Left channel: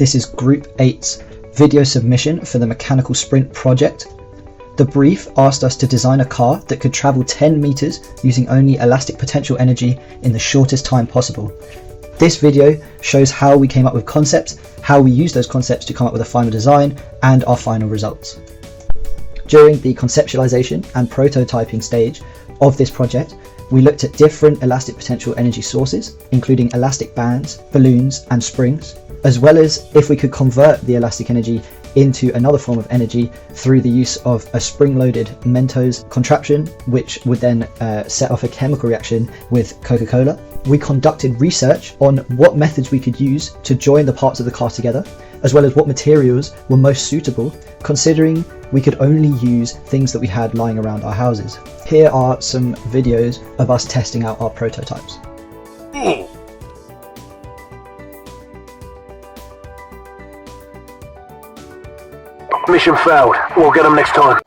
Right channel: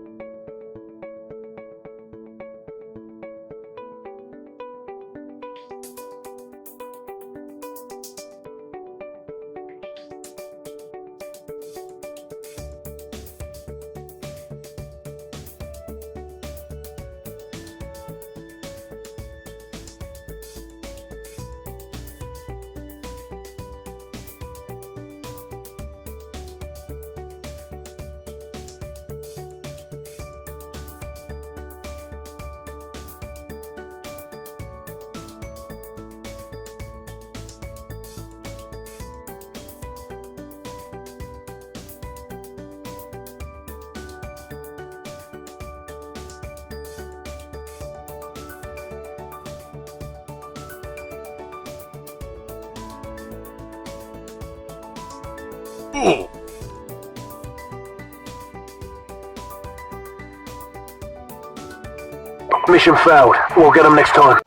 This is Group 8's video submission for the Mechanical Sprint project. The brief asked us to design a car that could travel 10 meters using only elastic potential energy in the shortest time possible. This video shows how we came up with concepts, how we used those concepts to come up with a final design, and our final results. During the conceptualization and prototyping stage of this project, we looked at different elastic potential energy sources, including elastic bands, balloons, and springs, as well as if we could convert the elastic energy into another form of energy through the use of a spring-loaded Mentos contraption, which would then set off a chemical reaction with Coca-Cola. We conducted research on what methods we could use to join the parts of the car together, as well as what materials were most suitable, considering we could only use things that we had lying around our houses. Here are some videos of us testing out our prototypes. Mission failed. We'll get them next time.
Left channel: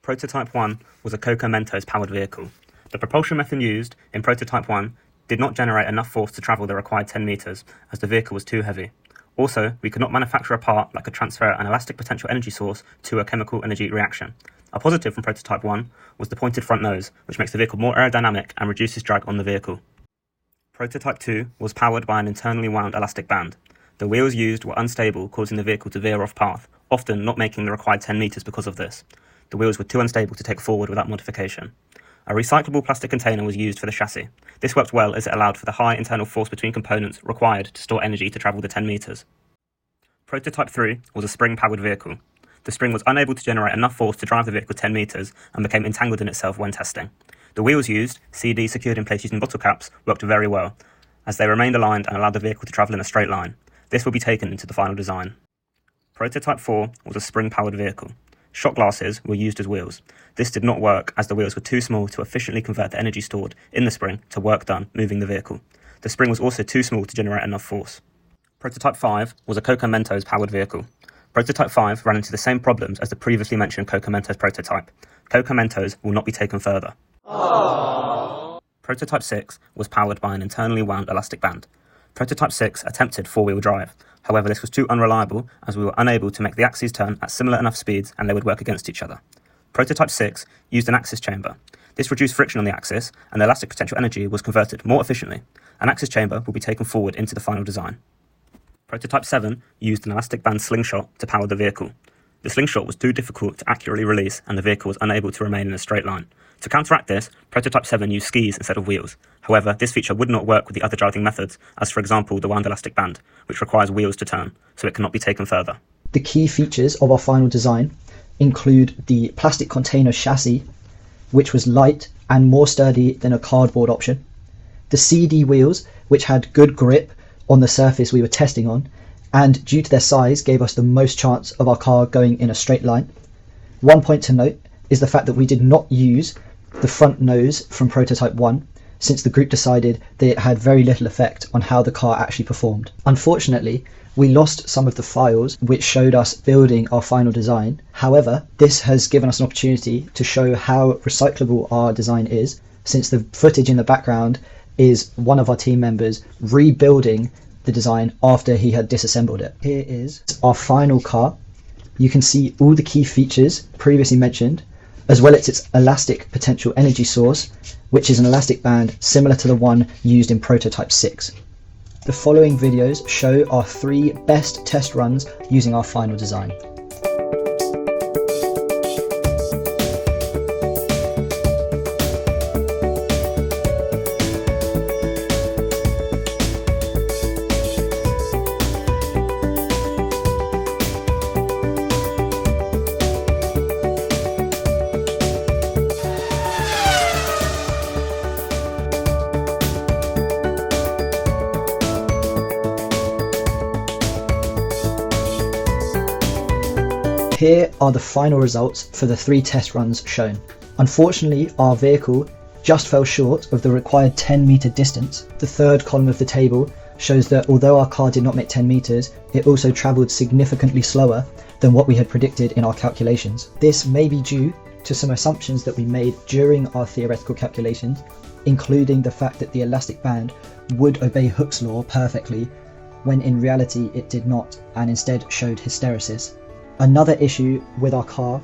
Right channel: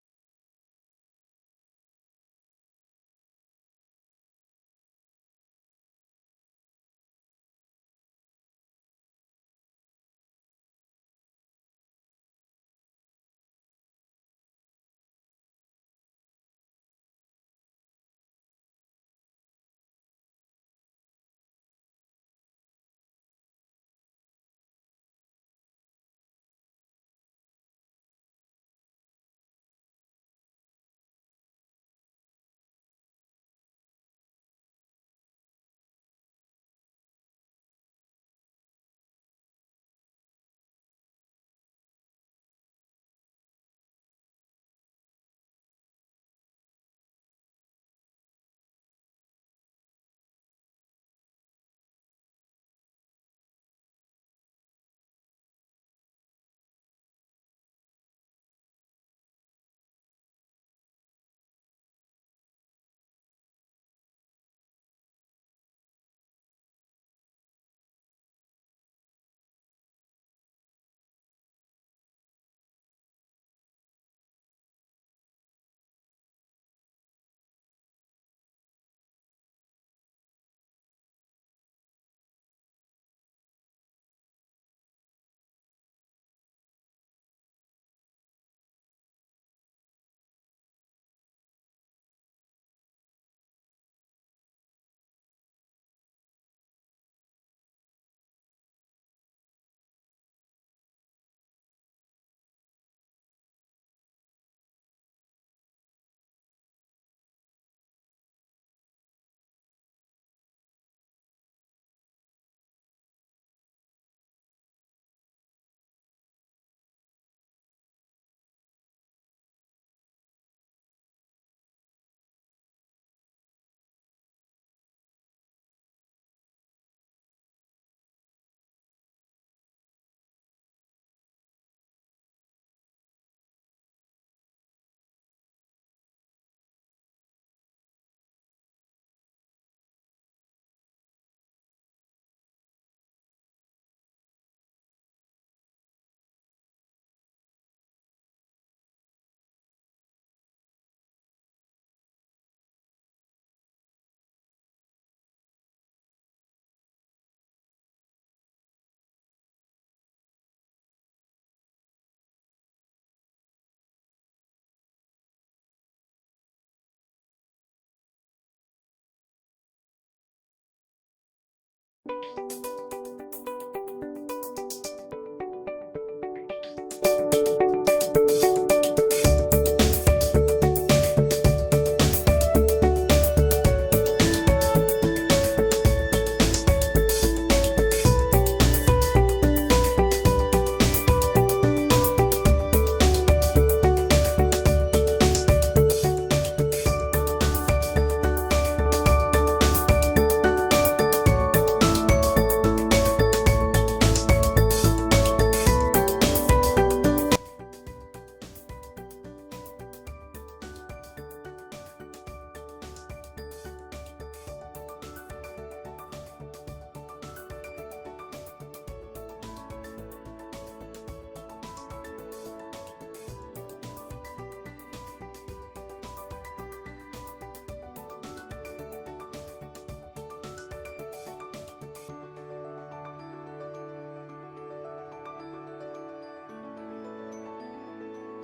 Prototype 1 was a Coca Mentos powered vehicle. The propulsion method used in Prototype 1 did not generate enough force to travel the required 10 meters, as the vehicle was too heavy. Also, we could not manufacture a part that could transfer an elastic potential energy source to a chemical energy reaction. A positive from Prototype 1 was the pointed front nose, which makes the vehicle more aerodynamic and reduces drag on the vehicle. Prototype 2 was powered by an internally wound elastic band. The wheels used were unstable, causing the vehicle to veer off path, often not making the required 10 meters because of this. The wheels were too unstable to take forward without modification. A recyclable plastic container was used for the chassis. This worked well as it allowed for the high internal force between components required to store energy to travel the 10 meters. Prototype 3 was a spring-powered vehicle. The spring was unable to generate enough force to drive the vehicle 10 meters and became entangled in itself when testing. The wheels used, CD secured in place using bottle caps, worked very well, as they remained aligned and allowed the vehicle to travel in a straight line. This will be taken into the final design. Prototype 4 was a spring-powered vehicle. Shot glasses were used as wheels. This did not work as the wheels were too small to efficiently convert the energy stored in the spring to work done moving the vehicle. The spring was also too small to generate enough force. Prototype 5 was a Coca Mentos powered vehicle. Prototype 5 ran into the same problems as the previously mentioned Coca Mentos prototype. Coca Mentos will not be taken further. Aww. Prototype 6 was powered by an internally wound elastic band. Prototype 6 attempted four-wheel drive. However, this was too unreliable as we were unable to make the axes turn at similar enough speeds and they would work against each other. Prototype 6 used an axis chamber. This reduced friction on the axis and the elastic potential energy was converted more efficiently. An axis chamber will be taken forward into the final design. Prototype 7 used an elastic band slingshot to power the vehicle. The slingshot was too difficult to accurately release and the vehicle was unable to remain in a straight line. To counteract this, Prototype 7 used skis instead of wheels. However, this feature would not work with the other driving methods, as for example the wound elastic band, which requires wheels to turn, so it cannot be taken further. The key features of our final design include the plastic container chassis, which was light and more sturdy than a cardboard option, the CD wheels, which had good grip on the surface we were testing on, and due to their size gave us the most chance of our car going in a straight line. One point to note is the fact that we did not use the front nose from Prototype 1, since the group decided that it had very little effect on how the car actually performed. Unfortunately, we lost some of the files which showed us building our final design. However, this has given us an opportunity to show how recyclable our design is, since the footage in the background is one of our team members rebuilding the design after he had disassembled it. Here is our final car. You can see all the key features previously mentioned, as well as its elastic potential energy source, which is an elastic band similar to the one used in Prototype 6. The following videos show our 3 best test runs using our final design. Here are the final results for the 3 test runs shown. Unfortunately, our vehicle just fell short of the required 10-meter distance. The third column of the table shows that although our car did not make 10 meters, it also traveled significantly slower than what we had predicted in our calculations. This may be due to some assumptions that we made during our theoretical calculations, including the fact that the elastic band would obey Hooke's law perfectly, when in reality it did not, and instead showed hysteresis. Another issue with our car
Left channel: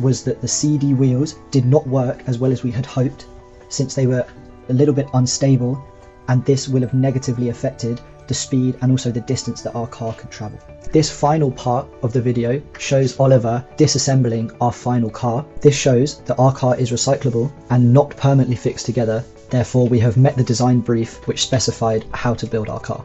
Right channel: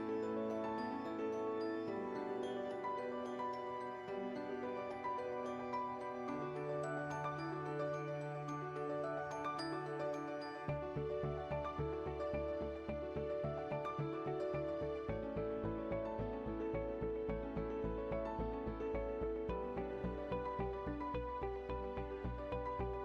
was that the CD wheels did not work as well as we had hoped, since they were a little bit unstable, and this will have negatively affected the speed and also the distance that our car could travel. This final part of the video shows Oliver disassembling our final car. This shows that our car is recyclable and not permanently fixed together, therefore we have met the design brief which specified how to build our car.